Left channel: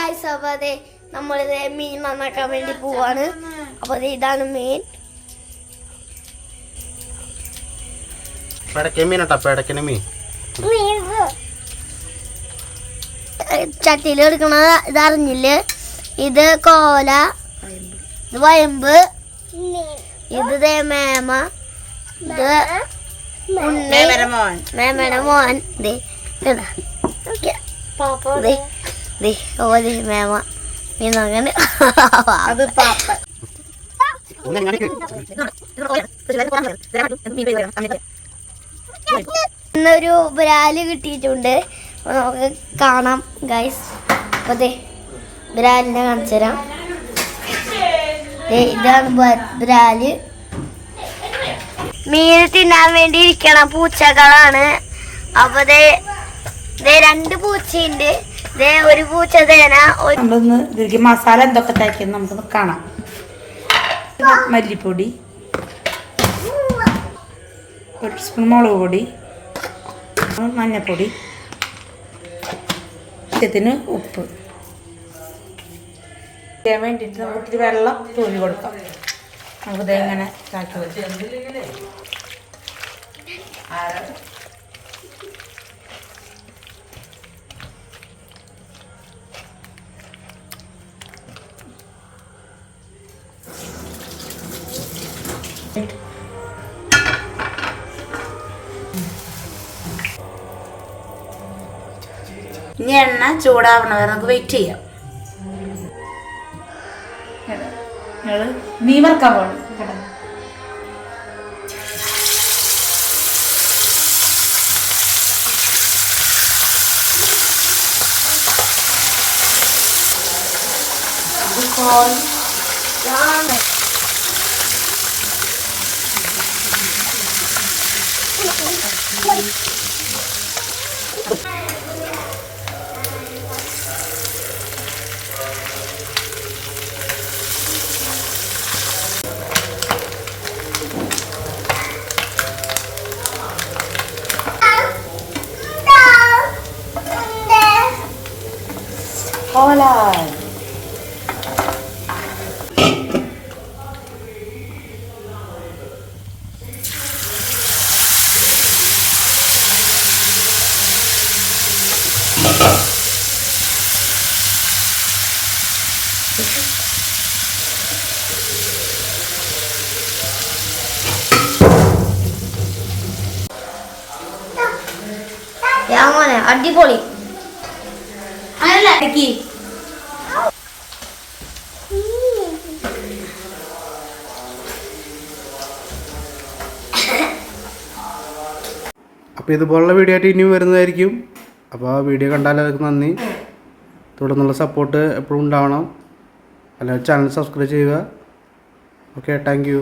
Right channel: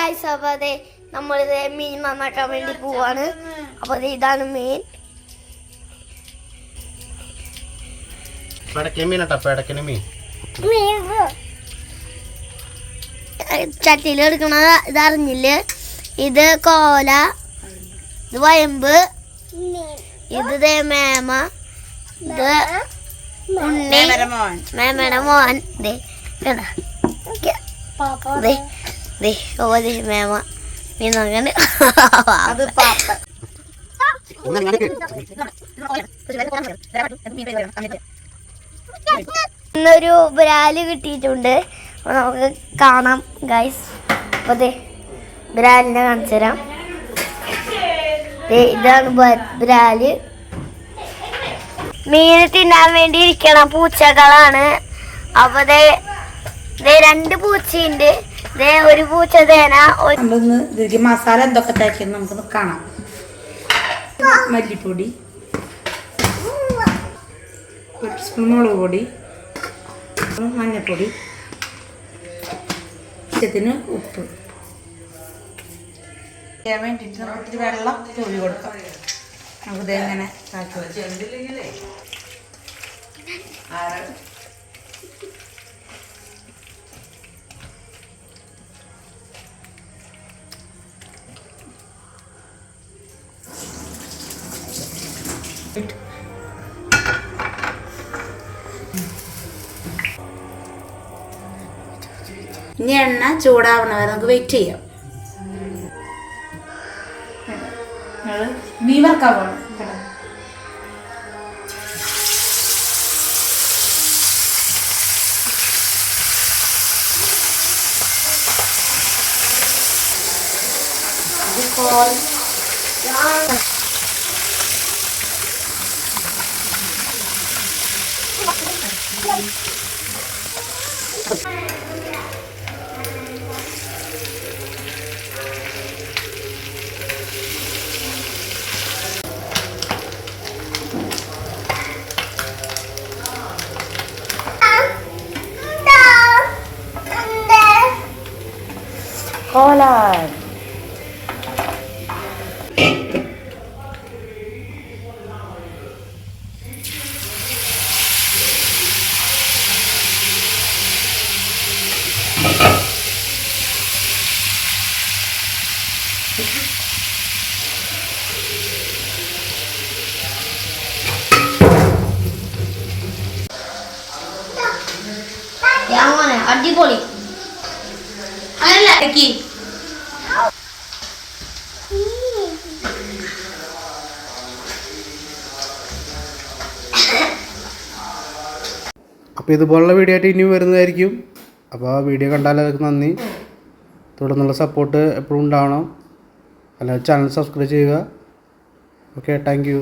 Guys, അപ്പോൾ അതെ നമ്മളിത് മീൻ നന്നാക്കാൻ വേണ്ടി പോവാണ്. അപ്പോൾ അതെ ഇതാണ് മീൻ. ചട്ടിയിൽ എടുക്കണത് ഇതറിഞ്ഞില്ലേ? ഇത് കോല, ഇത് വയമ്പ്, ഇത് മേമ, ഇത് ഉണ്ണി, മേമയുടെ മോൻ. മേമ മീൻ നോക്കണ്ട്. ഇന്നൊരു ബ്രാല് കിട്ടിയിട്ടുണ്ട്. നമുക്ക് കാണാം ഗൈസ്. അപ്പോൾ അതെ ബ്രാലിനെ കാണിച്ചു തരാം. ഇതാണ് ബ്രാല്. മീൻ തിന്നാൻ വേണ്ടി ഇരിക്കണ പൂച്ചകളാണ്. അപ്പോൾ രണ്ട് പൂച്ചയുണ്ട്. ഒരു പൂച്ച തേന. മസാല എന്തൊക്കെ തേക്കുന്നു നമുക്കൊന്ന് കാണാം. മല്ലിപ്പൊടി, 1 സ്പൂൺ മുളക് പൊടി, മഞ്ഞൾപ്പൊടി, ആവശ്യത്തിന് ഉപ്പ്. ചെയ്യാൻ വേണ്ടിയിട്ട് നമുക്ക് ഇത്തിരി വെള്ളം തൂവി കൊടുക്കാം. നമുക്കിത് എങ്ങനെ ഇനി എണ്ണ ചൂടാവണ വരെ നമുക്ക് വെയിറ്റ് ചെയ്യാം. മീൻ വറുക്കാൻ പോകണം. Hola. യാമോനെ അടിപൊളി. അല്ല അപ്പോൾ ഇതുപോലുള്ള വീഡിയോ ആയിട്ട് ഇനിയും വരുന്നതായിരിക്കും. അപ്പോൾ ആ വീഡിയോ കണ്ടാലൊക്കെ നന്ദി. തുടർന്നുള്ള സപ്പോർട്ട് എപ്പോഴും ഉണ്ടാവണം. അല്ലെങ്കിൽ ചാനൽ സബ്സ്ക്രൈബ് ചെയ്യുക. Okay, thank you.